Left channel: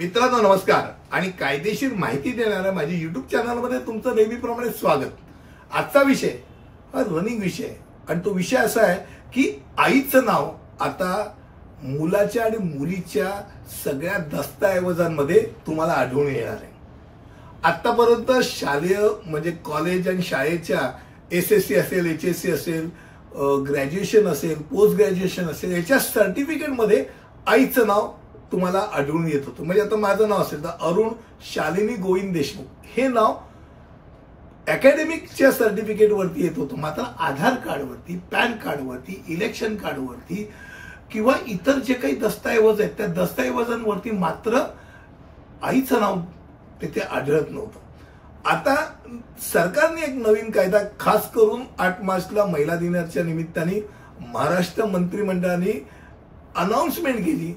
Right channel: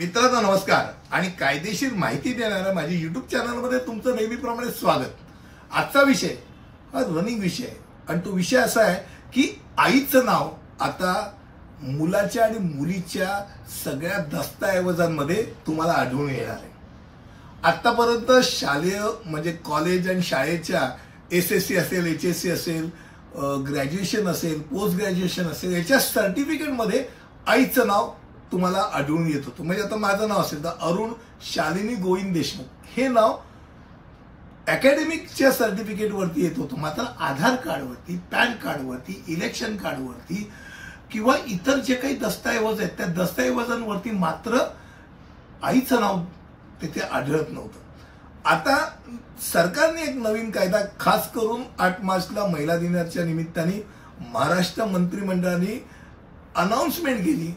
मित्रांनो नमस्कार आणि कायदेशीर माहिती देणाऱ्या माझ्या YouTube चॅनलमध्ये तुमचं नेहमीप्रमाणे स्वागत। आजचा विषय हा रनिंग विषय आहे आणि तो विषय असा आहे की आईचं नाव आता मुलाच्या आणि मुलीच्या सगळ्या दस्तऐवजांमध्ये तुम्हाला आढळून येणार आहे। आतापर्यंत शालेय म्हणजे कॉलेज आणि शाळेच्या SSC असेल, HSC असेल, ग्रॅज्युएशन असेल, पोस्ट ग्रॅज्युएशन असेल, याच्या सर्टिफिकेटमध्ये आईचं नाव तुम्हाला आढळून येत होतं। म्हणजे आता माझं नाव असेल तर अरुण शालिनी गोविंद देशमुख हे नाव अकॅडमिकच्या सर्टिफिकेटवरती येत होतं, मात्र आधार कार्डवरती, पॅन कार्डवरती, इलेक्शन कार्डवरती किंवा इतर जे काही दस्तऐवज आहेत त्या दस्तऐवजांवरती मात्र आईचं नाव तिथे आढळत नव्हतं। आता सरकारने एक नवीन कायदा खास करून 8 मार्चला महिला दिनाच्या निमित्ताने महाराष्ट्र मंत्रिमंडळाने अनाउन्समेंट केली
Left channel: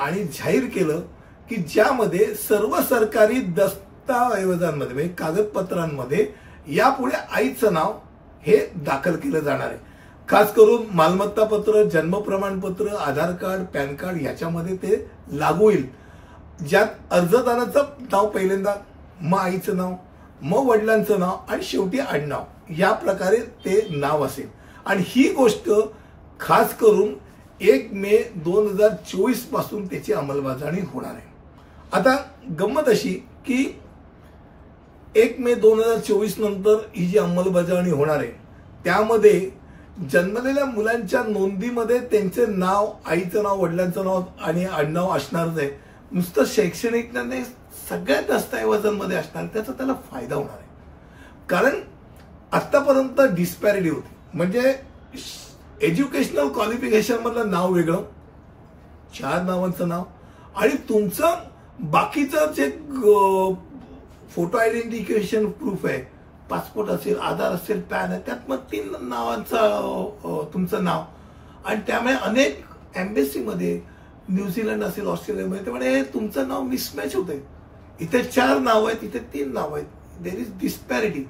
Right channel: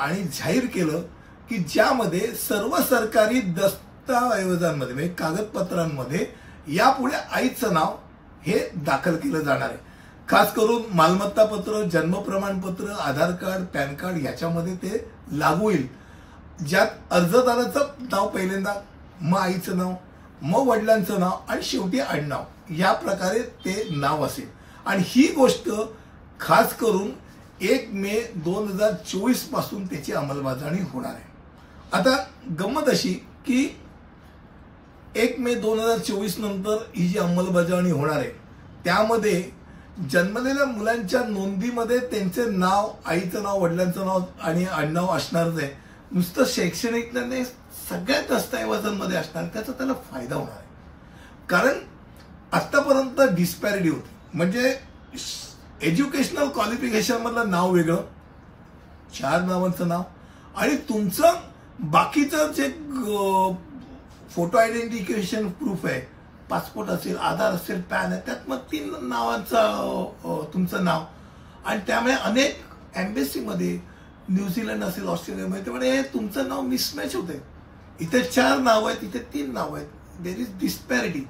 आणि जाहीर केलं की ज्यामध्ये सर्व सरकारी दस्तऐवजांमध्ये म्हणजे कागदपत्रांमध्ये यापुढे आईचं नाव हे दाखल केलं जाणार आहे। खास करून मालमत्ता पत्र, जन्म प्रमाणपत्र, आधार कार्ड, पॅन कार्ड याच्यामध्ये ते लागू होईल, ज्यात अर्जदाराचं नाव पहिल्यांदा, मग आईचं नाव, मग वडिलांचं नाव आणि शेवटी आडनाव या प्रकारे ते नाव असेल। आणि ही गोष्ट खास करून 1 मे 2024 पासून त्याची अंमलबजावणी होणार आहे। आता गंमत अशी की 1 मे 2024 नंतर ही जी अंमलबजावणी होणार आहे त्यामध्ये जन्मलेल्या मुलांच्या नोंदीमध्ये त्यांचे नाव, आईचं नाव, वडिलांचं नाव आणि आडनाव असणारच आहे। नुसतं शैक्षणिक नाही, सगळ्या दस्तऐवजांमध्ये असणार, त्याचा त्याला फायदा होणार आहे। कारण आतापर्यंत डिस्पॅरिटी होती, म्हणजे एज्युकेशनल क्वालिफिकेशन मधलं नाव वेगळं, 4 नावांचं नाव, आणि तुमचं बाकीचं जे फोटो आयडेंटिफिकेशन प्रूफ आहे, पासपोर्ट असेल, आधार असेल, पॅन आहे, त्यात मग 3 नावांचं तुमचं नाव। आणि त्यामुळे अनेक एम्बेसीमध्ये, न्यूझीलंड असेल, ऑस्ट्रेलियामध्ये, त्यामुळे तुमचं नाव मिसमॅच होते। इथे 4 नाव आहेत, इथे 3 नाव आहेत, देर इज डिस्पॅरिटी।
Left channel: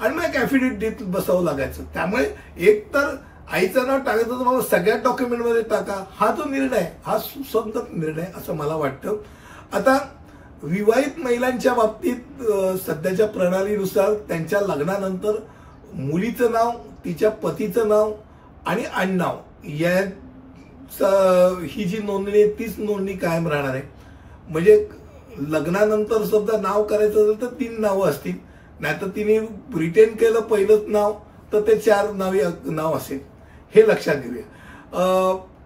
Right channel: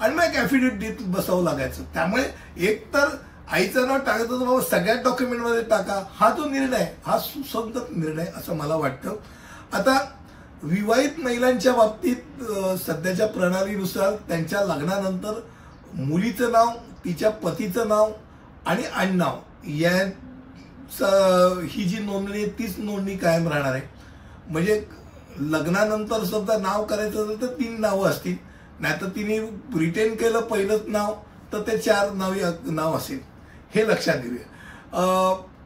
आणि मग एक ॲफिडेव्हिट बसावं लागायचं। त्यामुळे एक तर आईचं नाव टाकायचं तर बाबा सगळ्या डॉक्युमेंटमध्ये टाका, हा जो निर्णय हा सुसंगत निर्णय असं मला वाटतं। आता विवाहित महिलांच्या बाबतीत सध्याच्या प्रणालीनुसार त्यांच्या लग्नानंतर मुलीचं नाव, तिच्या पतीचं नाव आणि आडनाव ही जी नोंदणी आहे तीच नोंदणी कायम राहणार आहे। म्हणजे लग्नानंतर सुद्धा नाव करायचं असेल तर 3 नावं असतील, नाहीतर तिने रिटेन केलं पहिलंच नाव तर ते 4 नाव असेल, हे लक्षात घेऊया।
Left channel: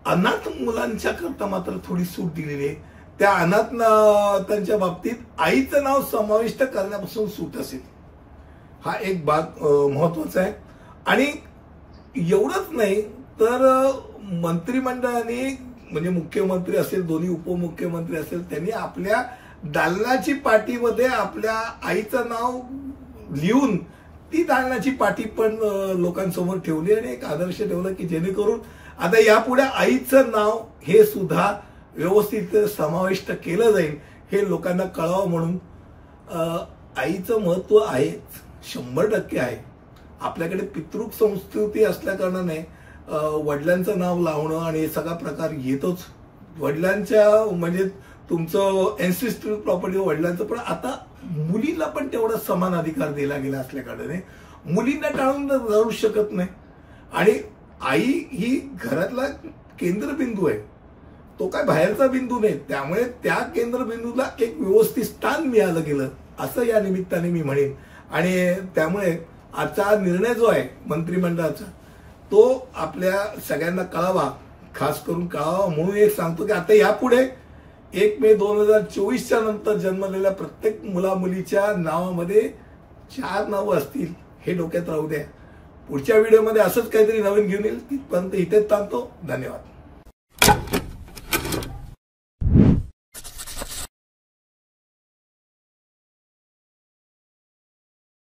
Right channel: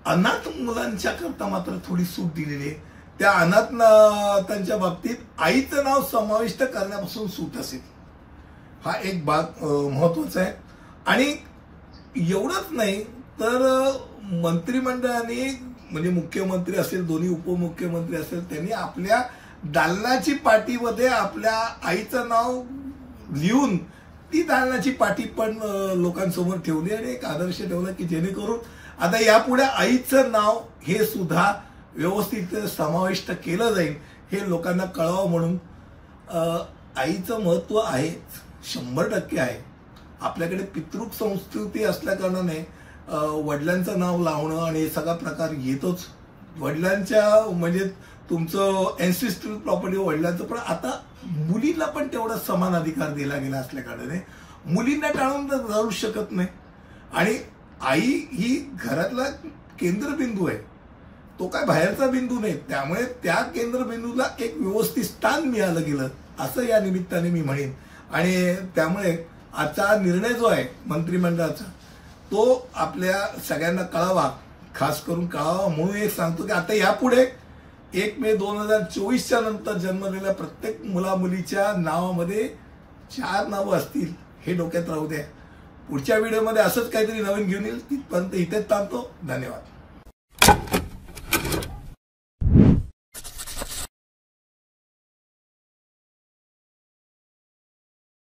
अनाथ मुलांच्या करता मात्र थोडी सूट दिलेली आहे। त्या अनाथांच्या बाबतीत आईचं नाव समाविष्ट करण्यापासून सूट असेल, हा एक भाग महत्वाचा आहे। आणि एवढंच नाही तर मंत्रिमंडळाने म्हणजे मुख्यमंत्री असेल, दोन्ही उपमुख्यमंत्री असेल, त्यांनी आपल्या दालनाची पाटीमध्ये आपल्या आईचं नाव लिहून ती दालनाची पाटी पण लोकांसमोर ठेवली आणि एक आदर्श ठेवला की जेणेकरून आता यापुढे आईचं नाव हे सुद्धा व्यवस्थित समाविष्ट केलं जाईल, हे लोकांना कळावं म्हणून। आईचं महत्व आहे, 100% आहे। आपल्याकडे पितृक संस्कृती असल्या कारणाने वडिलांचं नाव लावणं आणि हे सगळा प्रकार येतोच। वडिलांच्या म्हणजे तुमचं एन्सिस्ट्रल प्रॉपर्टी वडिलांचं, पण आता मुलीला पण तेवढा समान अधिकार दिला गेला असल्या कारणाने मुलींना टाळून जाऊ शकत नाही। आणि आई ही घरातला केंद्रबिंदू आहे, तो काय बाहेरचा बिंदू नाही, त्यामुळे त्या केंद्रबिंदूला एक व्यवस्थित स्थान मिळालं गेलं असं या निमित्ताने मी म्हणेन। आणि त्यामुळे आजचा निर्णय जो आहे मंत्रिमंडळाचा तो आपल्या सगळ्यांना कळावा, खास करून कळावा म्हणून एक सांगतो की आता यापुढे 1 मे 2024च्या नंतर जन्मलेल्या प्रत्येक मुला-मुलीच्या नावामध्ये 4 नावं असतील, हे डोक्यात राहू द्या। पुढच्या व्हिडिओमध्ये असंच काहीतरी नवीन घेऊन येईल, तिथपर्यंत इथेच थांबतो। धन्यवाद।